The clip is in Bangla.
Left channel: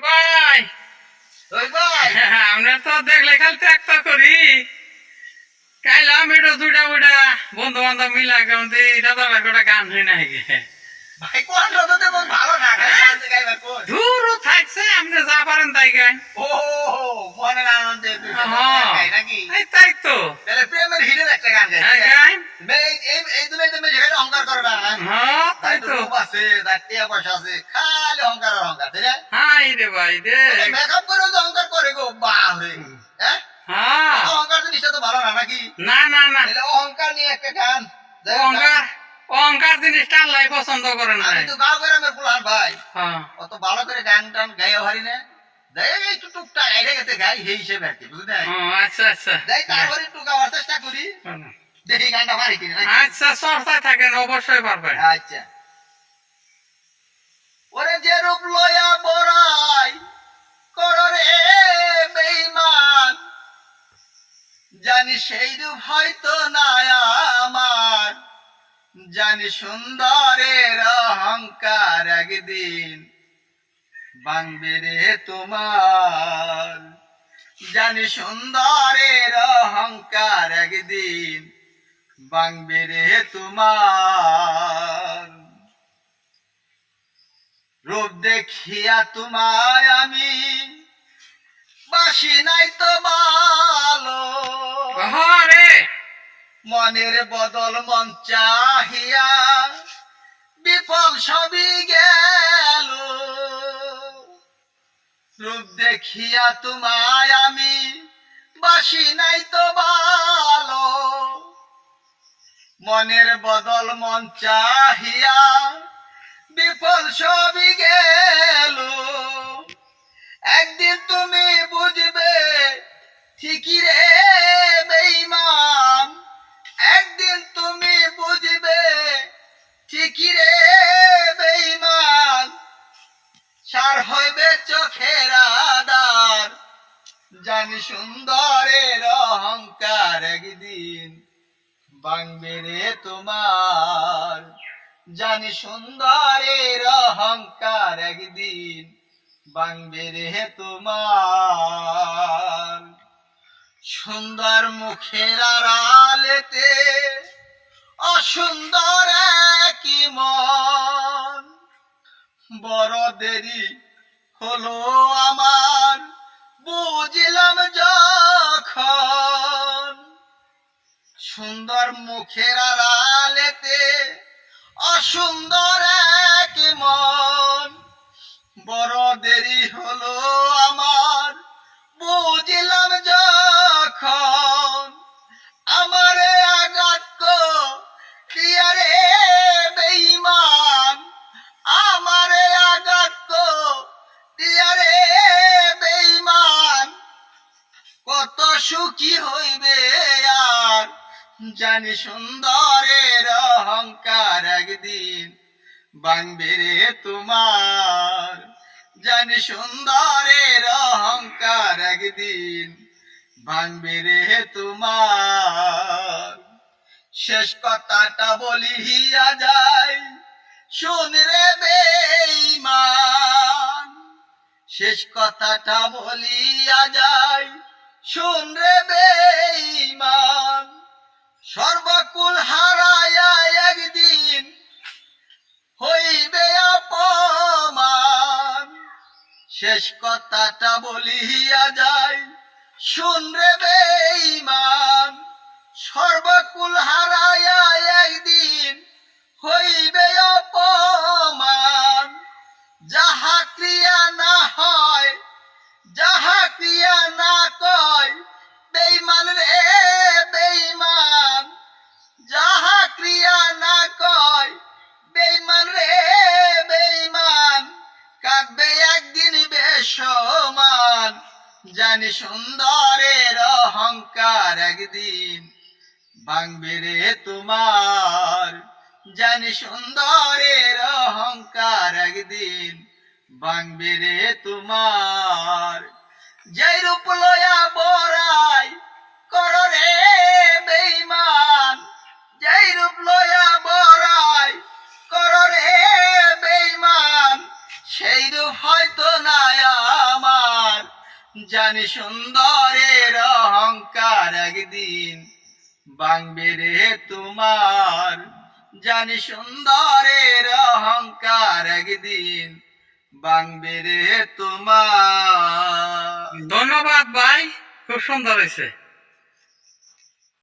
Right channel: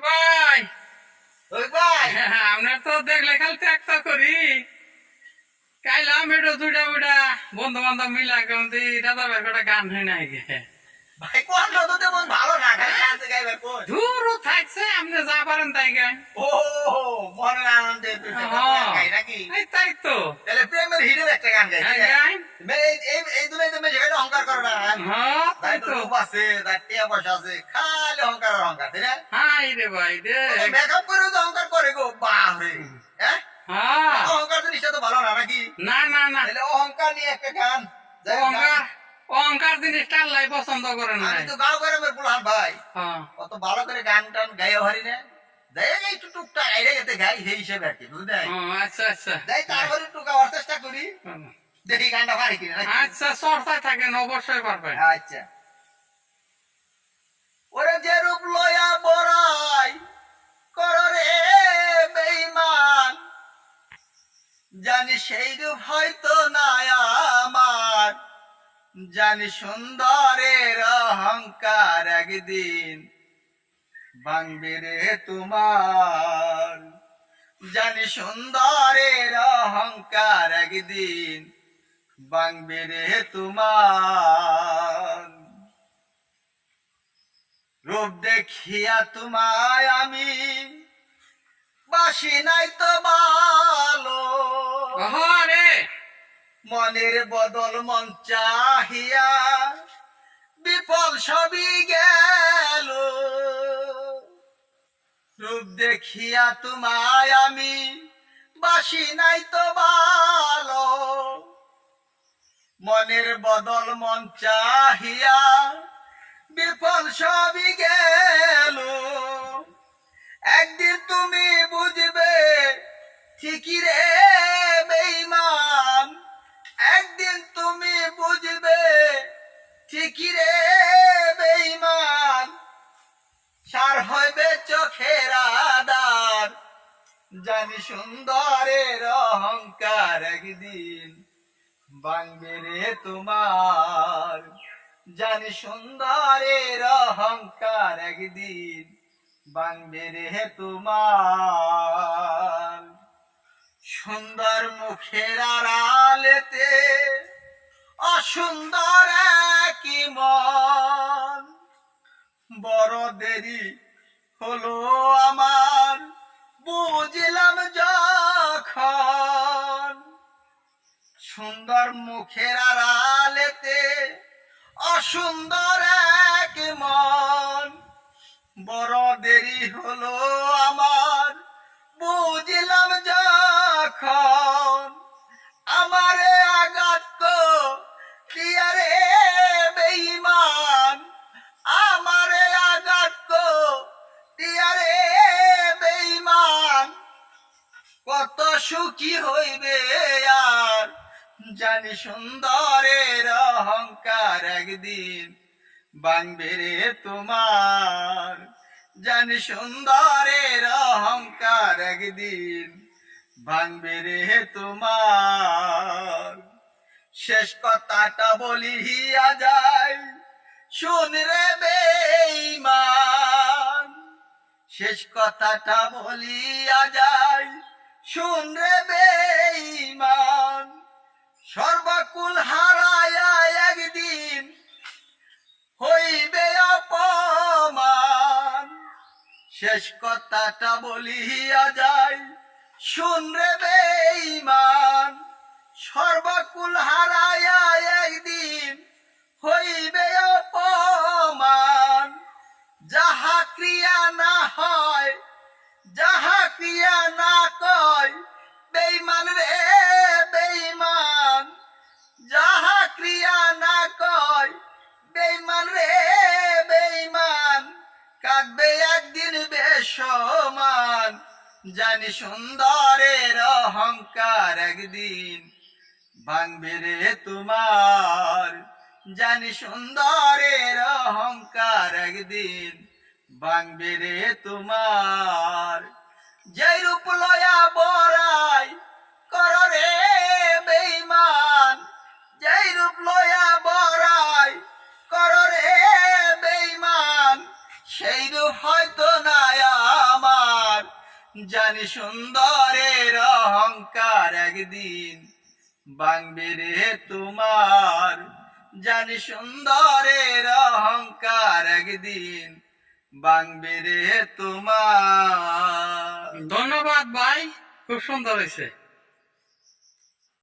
ভাই ওই ভাই আমরা তো দেখলে খালি ত্যাগ তো করি কাইলাম এটা দুইটা বুইটা বন্ধু বান্ধব মিলা কেমন রাজা ভাই কটা গান হই নাই গে ভাই কোন রোদতে মন ভালো না গাই গান গাইবার কোন দূর থাকছে আপনি যা পারেন তাই গান ও মনের আনন্দে তুই গাই নাকি এই তাই তো তাহলে প্রেমের হিডের একটা গান গাই গান এই দুনিয়াতে মেয়ে যেখানে অহংকার করে না হ্যাঁ তাই তো রূপ আছে তার টিয়া পয়সা আছে খালি অহংকার আর অহংকার তাই না হাই রে ভাই রে মেকআপ করে যে অহংকার করে গো বাহরে হ্যাঁ হ্যাঁ অহংকার জিনিসটা তো ভালো না নাকি না না না তাহলে অহংকার নিয়ে একটা গান অহংকার অহংকার জিনিসটা আল্লাহ পছন্দ করেন আমি নাই তো গাঁও গ্রামের পুলান ভাই হ্যাঁ অত ভালো করে গান টান গাইয়া হারি না যাই একটু টুকটাক আইরে গেতে গাই সেই হিসেবে আর কি বুঝলেন আচ্ছা আচ্ছা যাই তারপরে একটু গাওয়ার চেষ্টা করি দেখি গানটা পারি কিনা নাকি? আচ্ছা চর্চায় থাকেন অবশ্যই পারবেন আচ্ছা ওরে যে রূপ লয়া বড়াই কররে বেঈমান জানি সেই রূপ হয়তো না আমার জানি সুন্দরের অহংকার একদিন ভাঙবে রে তোমার জানি সুন্দরের অহংকার একদিন ভাঙবে রে তোমার রূপ দেখিয়া তোমায় আমি বাসি নাই তো ভালো রে মনের বদল মন চাহিয়া বিফল সবই গেল রূপ দেখিয়া তোমায় আমি বাসি নাই তো ভালো মনের বদল মন চাহিয়া বিফল সবই গেল একদিন তুমি বুঝবে ঠিকই রে বেঈমান একদিন তুমি বুঝবে ঠিকই রে বেঈমান সার হইবে চোখের আদার জানি সুন্দরের অহংকার একদিন ভাঙবে রে তোমার জানি সুন্দরের অহংকার একদিন ভাঙবে রে তোমার সুন্দর মুখের আড়ালেতে অসুন্দর কি মন বড় দেরি হলো আমার বুঝলাম যখন সুন্দর মুখের আড়ালেতে অসুন্দর এক মন বড় দেরি হলো আমার বুঝলাম যখন আমারে আঘাত দিয়া রে বেঈমান আমারে আঘাত দিয়া রে বেঈমান কত সুখী হইবে আর জানি সুন্দরের অহংকার একদিন ভাঙবে রে তোমার জানি সুন্দরের অহংকার একদিন ভাঙবে রে তোমার শেষ কথাটা বলিয়া যায় শুন রে বেঈমান শেষ কথাটা বলিয়া যায় শুন রে বেঈমান সর্বকুল হারায়া একদিন হইবে অপমান শেষ কথাটা বলিয়া যায় শুন রে বেঈমান সর্বকুল হারায়া একদিন হইবে অপমান যাহা ক্রিয়া না হয় যাহা ক্রিয়া না কয় বেঈমান রে বেঈমান যাহা ক্রিয়া না কয় বেঈমান রে বেঈমান কাটবে একদিন বেসমান জানি সুন্দরের অহংকার একদিন ভাঙবে রে তোমার জানি সুন্দরের অহংকার একদিন ভাঙবে রে তোমার যেই রূপ লয়া বড়াই কর রে বেঈমান যেই রূপ লয়া বড়াই কর রে বেঈমান সেই রূপ হয়তো না জানি সুন্দরের অহংকার একদিন ভাঙবে রে তোমার, জানি সুন্দরের অহংকার একদিন ভাঙবে রে তোমার। ধন্যবাদ ভাই, খুব সুন্দর হয়েছে।